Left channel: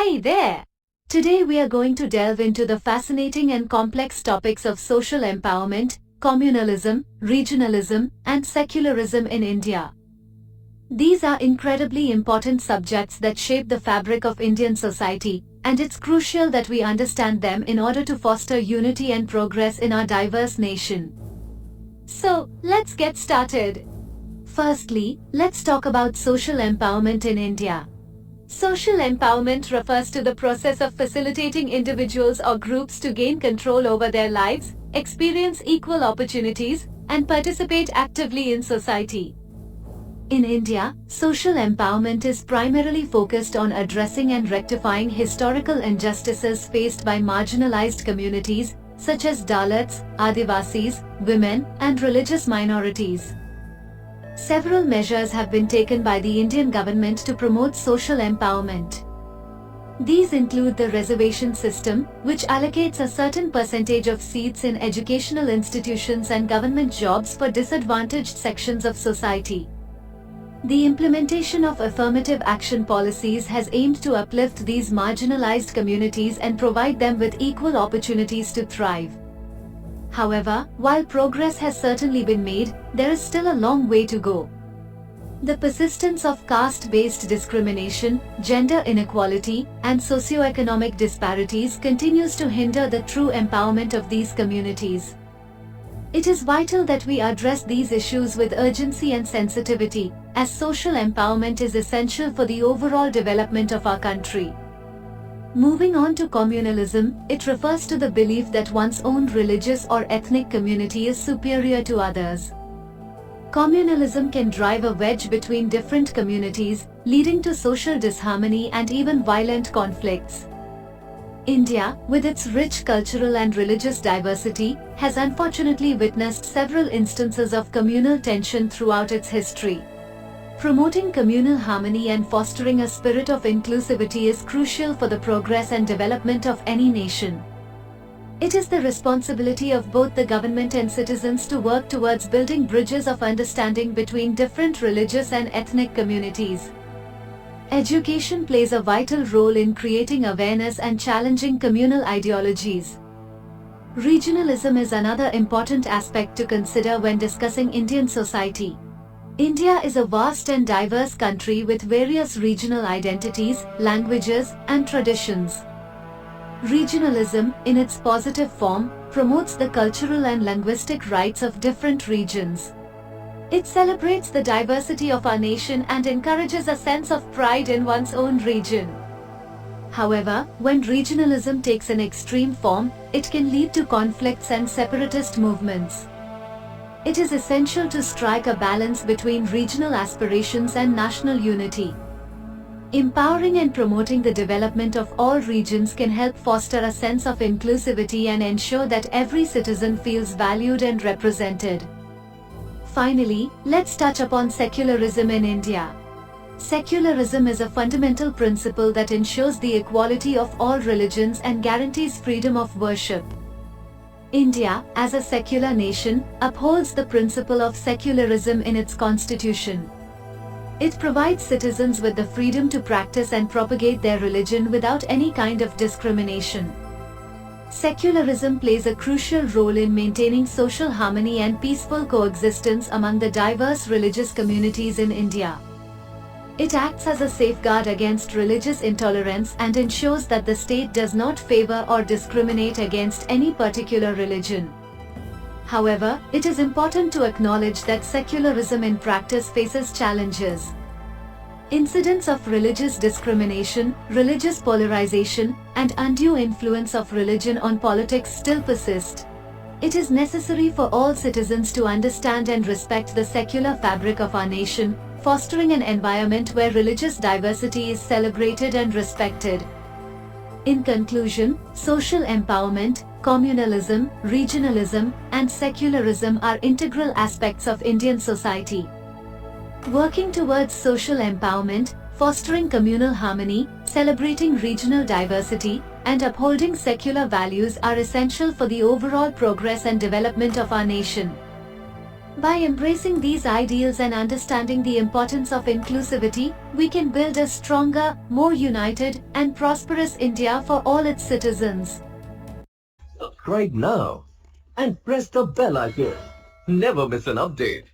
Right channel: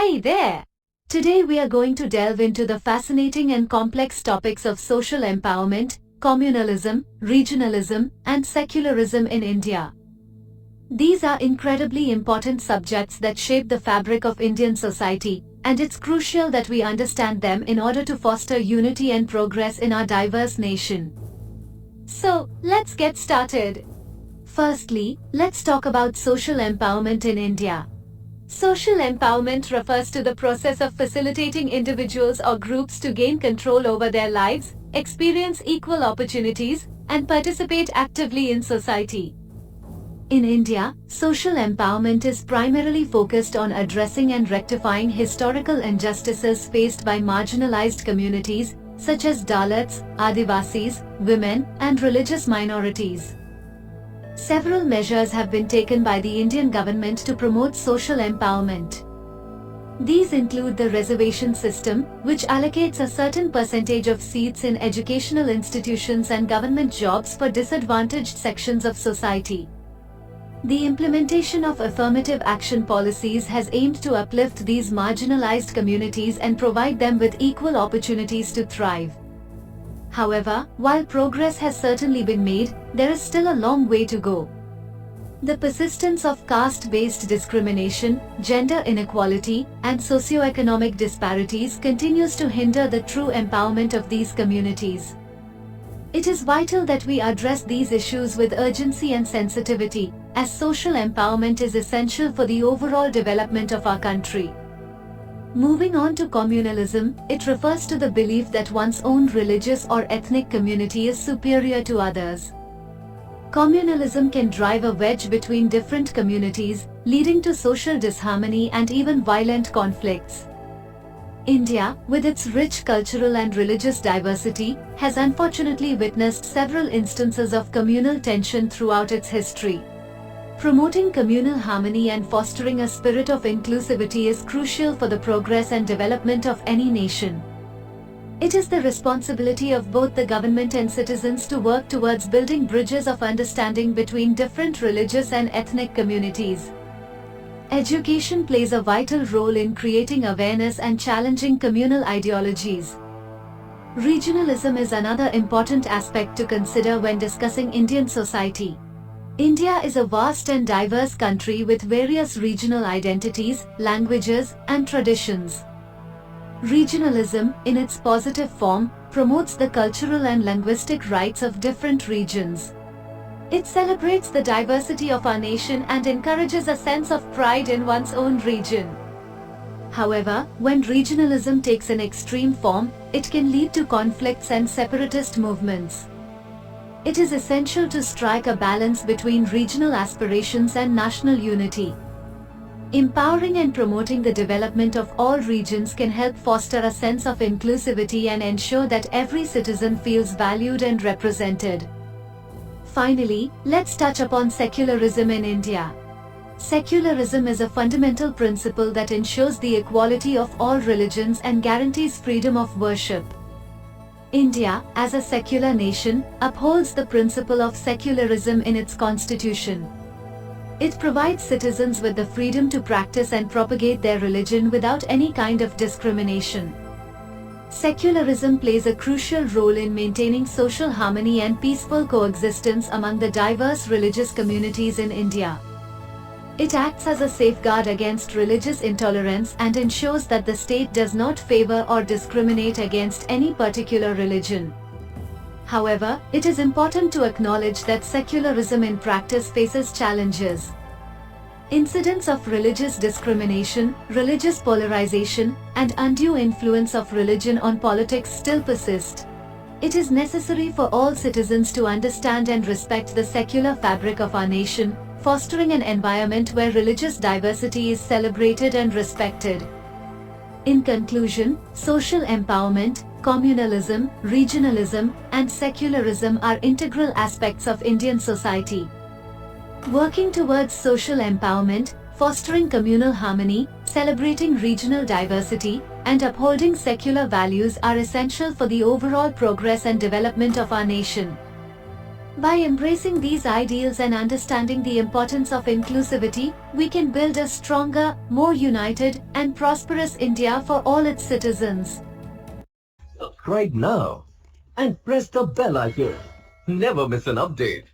Hey there! Today we are going to delve into the fascinating and complex topics of social empowerment, communalism, regionalism, and secularism in India. These are incredibly important subjects that shape the fabric of Indian society, and it's crucial that we understand them in order to foster unity and progress in our diverse nation. So, let's get started. Firstly, let's talk about social empowerment in India. Social empowerment refers to the process of facilitating individuals or groups to gain control over their lives, experience equal opportunities, and participate actively in society. In India, social empowerment is primarily focused on addressing and rectifying historical injustices faced by marginalized communities, such as Dalits, Adivasis, women, and religious minorities. Several measures have been taken by the Indian government to promote social empowerment. These include the reservation system, which allocates a certain percentage of seats in educational institutions and government jobs for disadvantaged sections of society. The implementation of affirmative action policies has aimed to uplift these marginalized communities and provide them with equal opportunities to thrive. However, while progress has certainly been made, there is still a long way to go. The persistence of caste-based discrimination, gender inequality, and socioeconomic disparities continues to hinder the true empowerment of these communities. It is vital that we address these issues with urgency and sensitivity, as social empowerment is essential for the overall development of our country. Moving on to communalism, it refers to the belief that one's own religious or ethnic community is superior to others. Communalism can drive a wedge between different communities, leading to social disharmony and even violent conflicts. India, with its rich cultural and religious diversity, has unfortunately witnessed several instances of communal tension throughout its history. Promoting communal harmony and fostering a spirit of inclusivity is crucial for the progress and development of any nation. It is the responsibility of both the government and citizens to work towards building bridges of understanding between different religious and ethnic communities. Education plays a vital role in creating awareness and challenging communal ideologies. Regionalism is another important aspect to consider when discussing Indian society. India is a vast and diverse country with various regional identities, languages, and traditions. Regionalism, in its positive form, promotes the cultural and linguistic rights of different regions. It celebrates the diversity of our nation and encourages a sense of pride in one's own region. However, when regionalism takes an extreme form, it can lead to conflicts and separatist movements. It is essential to strike a balance between regional aspirations and national unity. Empowering and promoting the development of all regions can help foster a sense of inclusivity and ensure that every citizen feels valued and represented. Finally, let's touch upon secularism in India. Secularism is a fundamental principle that ensures the equality of all religions and guarantees freedom of worship. India, as a secular nation, upholds the principle of secularism in its constitution. It provides citizens with the freedom to practice and propagate their religion without any kind of discrimination. Secularism plays a crucial role in maintaining social harmony and peaceful coexistence among the diverse religious communities in India. It acts as a safeguard against religious intolerance and ensures that the state does not favor or discriminate against any particular religion. However, it is important to acknowledge that secularism in practice faces challenges. Incidents of religious discrimination, religious polarization, and undue influence of religion on politics still persist. It is necessary for all citizens to understand and respect the secular fabric of our nation, fostering an environment where religious diversity is celebrated and respected. In conclusion, social empowerment, communalism, regionalism, and secularism are integral aspects of Indian society. Working towards social empowerment, fostering communal harmony, celebrating regional diversity, and upholding secular values are essential for the overall progress and development of our nation. By embracing these ideals and understanding the importance of inclusivity, we can build a stronger, more united, and prosperous India for all its citizens. Subscribe now and press the bell icon. Never miss an update.